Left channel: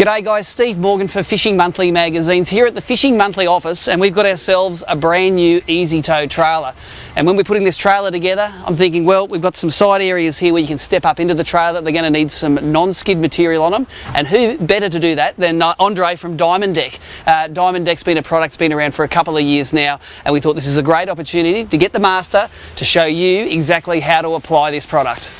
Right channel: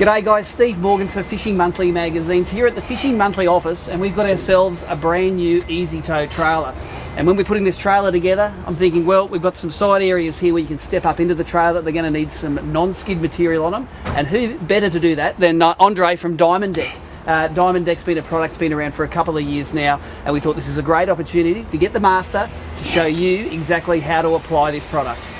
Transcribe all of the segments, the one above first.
G'day guys, Steve Morgan for Fishing Monthly Magazines here at the Fishing Monthly office, and we've got ourselves a brand new Easy Tow trailer. And when we're putting this trailer together, I'm thinking, well, we've got some side areas here where you can step up into the trailer. They're going to need some non-skid material on them, and who better to do that than Andre from Diamond Deck. Diamond Deck's been a product that's been around for a couple of years now, and we thought this is a great opportunity to get the master to show you exactly how to apply this product.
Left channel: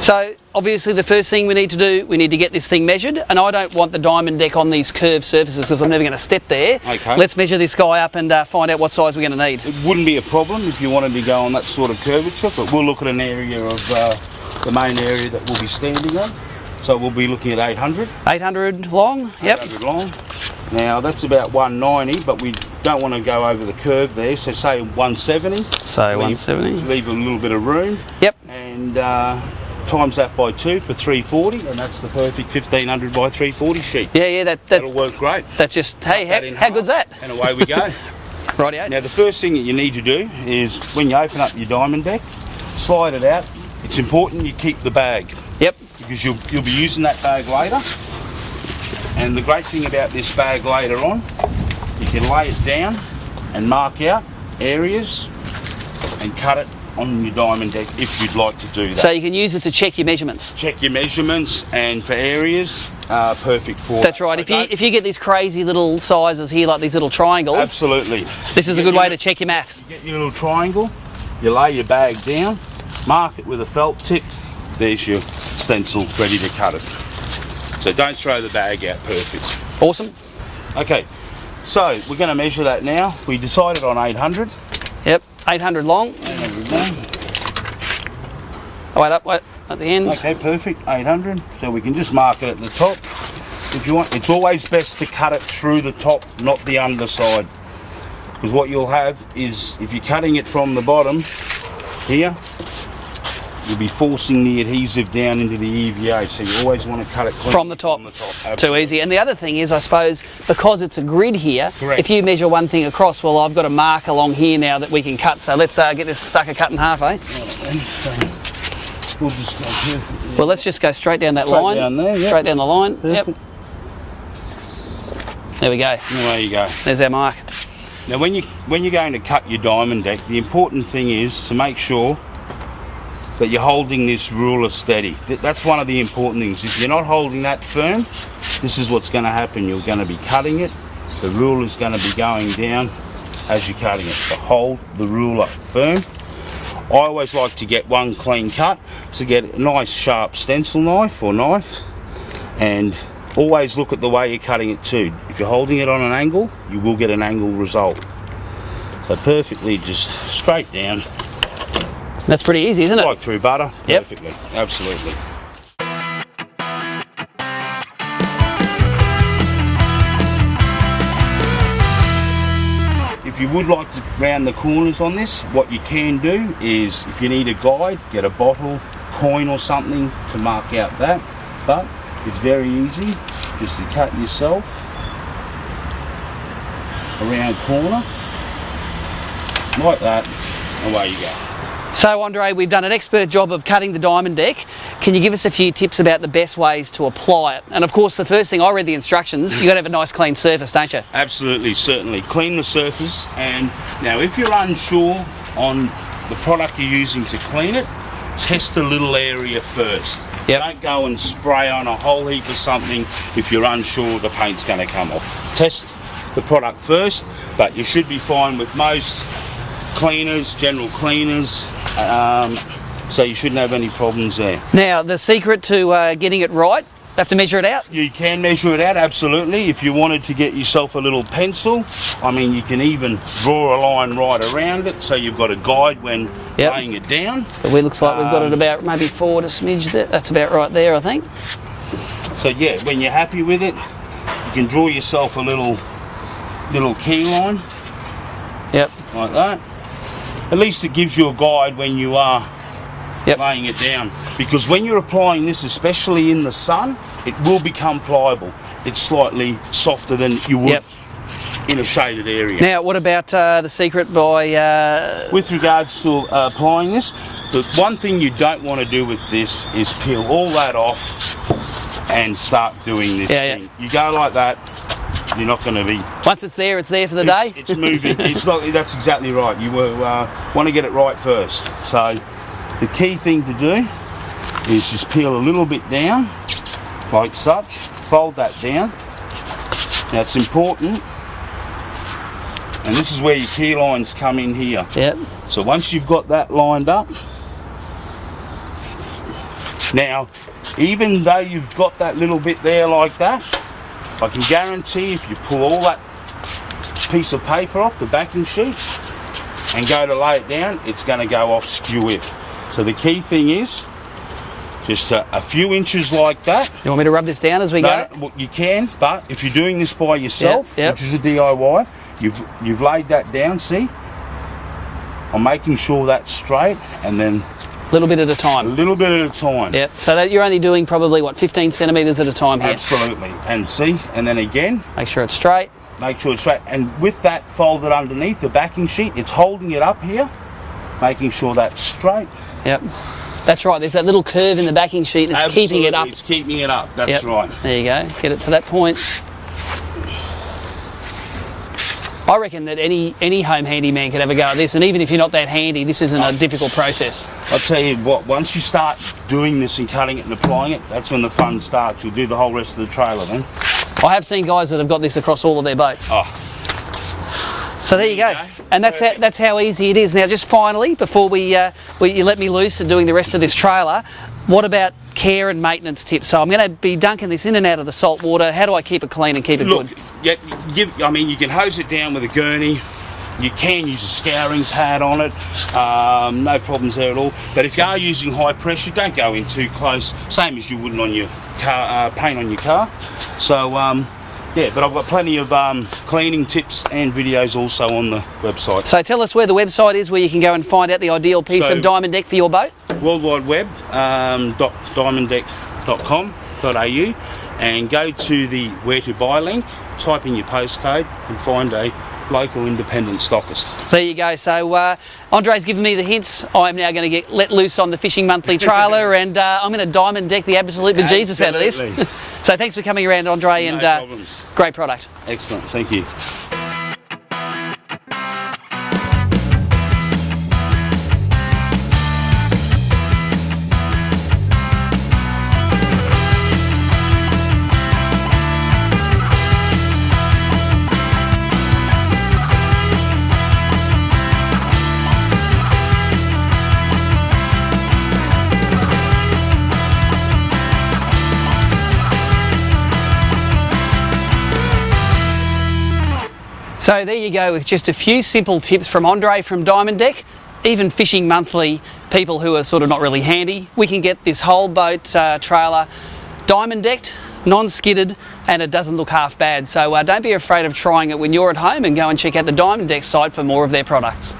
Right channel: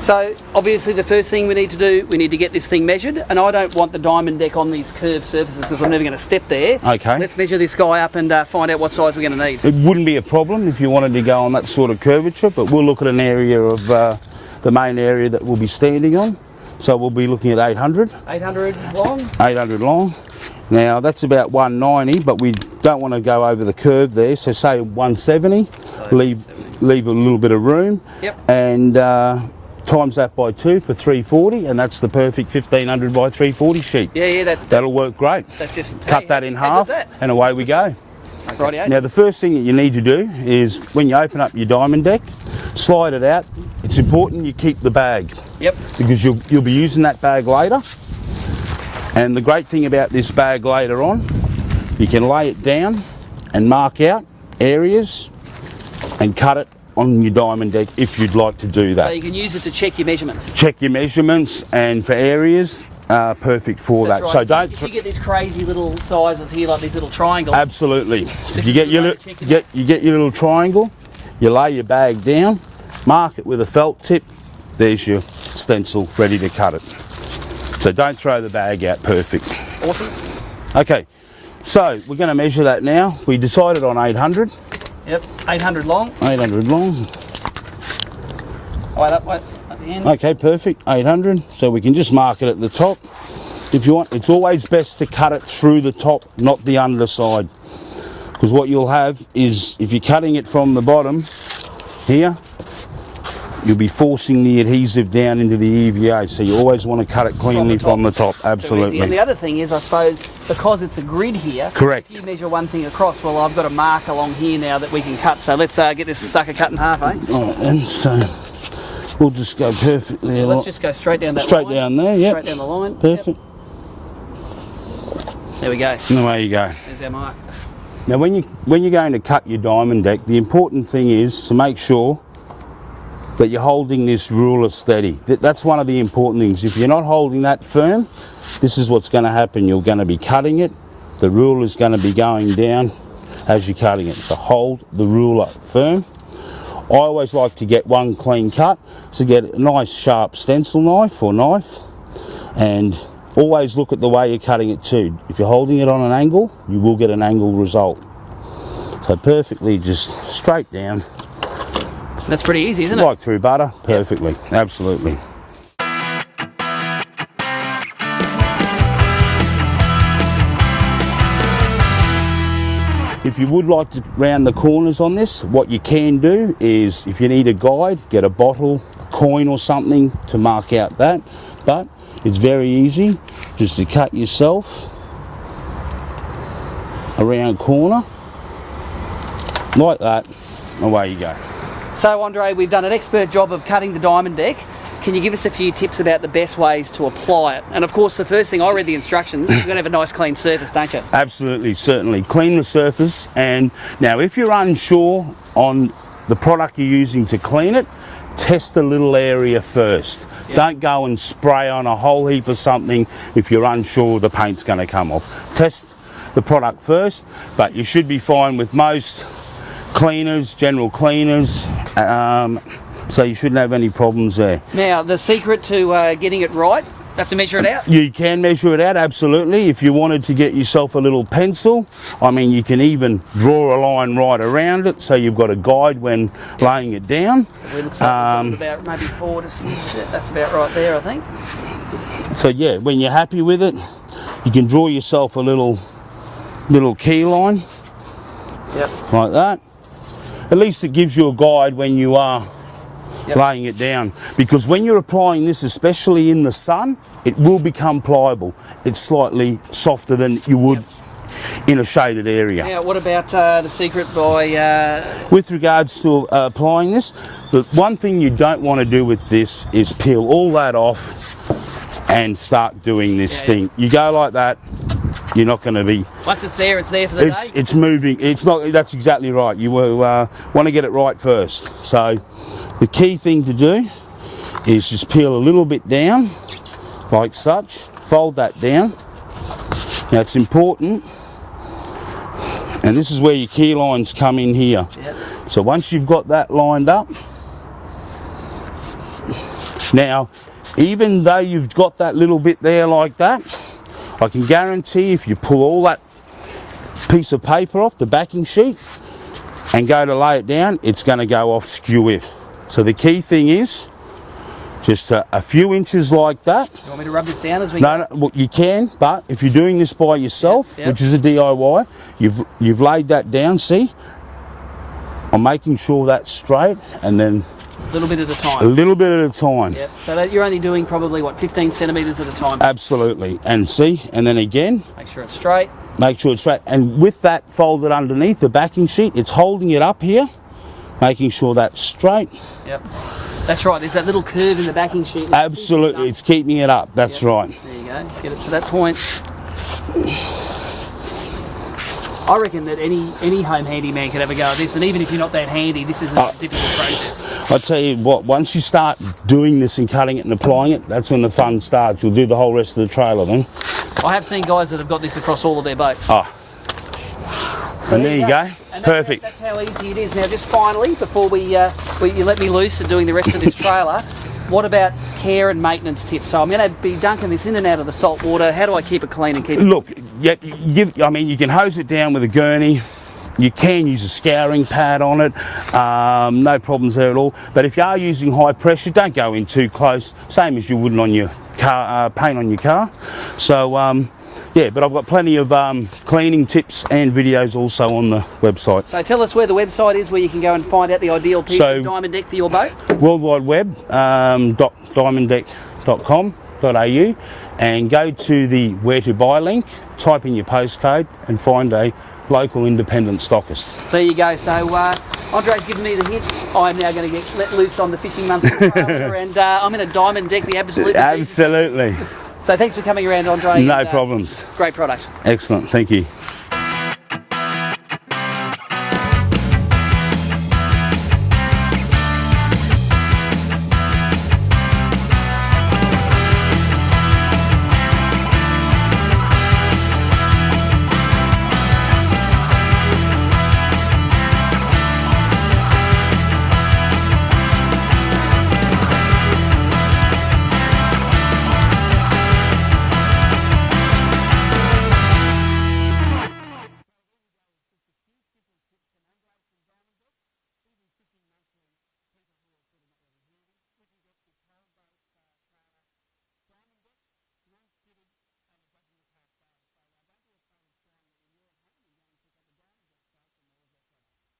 So obviously the first thing we need to do, we need to get this thing measured, and I don't want the Diamond Deck on these curved surfaces because I'm never going to step there. Okay. Let's measure this guy up and find out what size we're going to need. It wouldn't be a problem if you wanted to go on that sort of curvature, but we'll look at an area of the main area that we'll be standing on. So we'll be looking at 800. 800 long? 800 yep. long. Now that's about 190, but we don't want to go over the curve there, so say 170. So 170. Leave a little bit of room. Yep. And times that by 2 for 340, and that's the perfect 1500 by 340 sheet. Yeah, that'll work great. That's just, cut that in half, how good's that? and away we go. Rightio. Now the first thing that you need to do is when you open up your Diamond Deck, slide it out. It's important you keep the bag. Yep. Because you'll be using that bag later. And the great thing about this bag later on, you can lay it down and mark out areas and cut it on your Diamond Deck if you'd like to do that. So you can use it to check your measurements. Check your measurements, and for areas, perfect for That's that. right. So if you get these crazy little sizes here, like these little triangles. Absolutely. This is a good way to check your math. You get your little triangle, you lay your bag down, mark it with a felt tip, there's your stencil ready to cut it. So don't throw the bag out, perfect. Awesome. Okay, so we're going to measure that now. We decided on 800. Yep, 800 long. 800 long. Oh, wait, at the end. Okay, perfect, 800. So we can just mark it at the top. If you want, it's always best to cut it through the top, not the underside. Because what you'll have is, if you're cutting it from the bottom here, you'll be forcing the adhesive down into the EVA, so you always want to cut it cleanly from the top. Absolutely. Too easy. And the other thing is, I suppose, because it's a grid here, correct, if you measure one thing across, well, I've got a mark along here now that we can cut. So let's get this sucker cut in half, eh? All right then, so we'll just go perfectly. Well, let's just go straight down that line. Straight down there, yeah. Straight down the line. Perfect. Yep. There we go. And there you go. There's our mark. Now when you're going to cut your Diamond Deck, the important thing is to make sure that you're holding this ruler steady. That's one of the important things. If you're not holding that firm, this is what's going to happen. You're going to be cutting it, the ruler is going to be going down as you're cutting it. So hold the ruler firm. I always like to get one clean cut, so get a nice sharp stencil knife or knife, and always look at the way you're cutting it too. If you're holding it on an angle, you will get an angle result. So perfectly just straight down. That's pretty easy, isn't it? Like through butter, yep. Perfectly, absolutely. If you would like to round the corners on this, what you can do is, if you need a guide, get a bottle, coin or something to mark out that. But it's very easy just to cut yourself a round corner, like that, away you go. So Andre, we've done an expert job of cutting the Diamond Deck. Can you give us a few tips about the best ways to apply it? And of course, the first thing, I read the instructions, you've got to have a nice clean surface, don't you? Absolutely, certainly. Clean the surface. And now if you're unsure on the product you're using to clean it, test a little area first. Yep. Don't go and spray on a whole heap of something if you're unsure the paint's going to come off. Test the product first, but you should be fine with most cleaners, general cleaners, so you shouldn't have any problems there. Now, the secret to getting it right, have to measure it out? You can measure it out, absolutely. If you wanted to get yourself a little pencil, I mean, you can even draw a line right around it, so you've got a guide when laying it down. But it looks like we've got it about maybe forward a smidge there. That's about right there, I think. So yeah, when you're happy with it, you can draw yourself a little key line. Yep. Like that. At least it gives you a guide when you are laying it down, because when you're applying this, especially in the sun, it will become pliable. It's slightly softer than you would in a shaded area. Now, what about the secret by... With regards to applying this, the one thing you don't want to do with this is peel all that off and start doing this thing. You go like that, you're not going to be... Once it's there for the day? It's moving. It's not. That's exactly right. You want to get it right first. So the key thing to do is just peel a little bit down, like such. Fold that down. Now it's important. And this is where your key lines come in here. Yep. So once you've got that lined up, now, even though you've got that little bit there like that, I can guarantee if you pull all that piece of paper off the backing sheet and go to lay it down, it's going to go off skew with. So the key thing is just a few inches like that. You want me to rub this down as we go? No, well, you can, but if you're doing this by yourself, Yep. which is a DIY, you've laid that down, see? I'm making sure that's straight, and then A little bit at a a time. little bit at a time. Yep. So that you're only doing probably, what, 15 centimetres at a time here? Absolutely. And see, and then again, Make sure it's straight. make sure it's straight. And with that folded underneath the backing sheet, it's holding it up here, making sure that's straight. Yep. That's right, there's that little curve in the backing sheet that's Absolutely, keeping it up. it's keeping it up. That's Yep. right. There you go. Get it to that point. I reckon that any home handyman can have a go at this, and even if you're not that handy, this isn't a difficult process. I'll tell you what, once you start doing this and cutting it and applying it, that's when the fun starts. You'll do the whole rest of the trailer then. I have seen guys that have got this across all of their boats. Oh, So there you go. And Perfect. that's how easy it is. Now, just finally, before you let me loose and doing the rest of this trailer, what about care and maintenance tips? So I'm going to be dunking this in and out of the salt water. How do I keep it clean and keep it Look, good? I mean, you can hose it down with a gurney. You can use a scouring pad on it. No problems there at all. But if you are using high pressure, don't go in too close. Same as you wouldn't on your car, paint on your car. So, yeah, but I've got plenty of cleaning tips and videos also on the website. So tell us where the website is where you can go and find out the ideal piece of Diamond Deck for your boat. World Wide Web, diamonddeck.com.au, and go to the where to buy link, type in your postcode and find a local independent stockist. There you go. So Andre's given me the hints. I'm now going to get let loose on the Fishing Monthly trailer, and I'm going to Diamond Deck the absolute bejesus out of this. Absolutely. So thanks for coming around, Andre. No and, problems. Great product. Excellent, thank you. So there you go with just a few simple tips from Andre from Diamond Deck. Even Fishing Monthly people who are sort of not really handy, we can get this whole boat trailer diamond decked, non-skidded, and it doesn't look half bad. So don't be afraid of trying it when you're at home, and go and check out the Diamond Deck site for more of their products.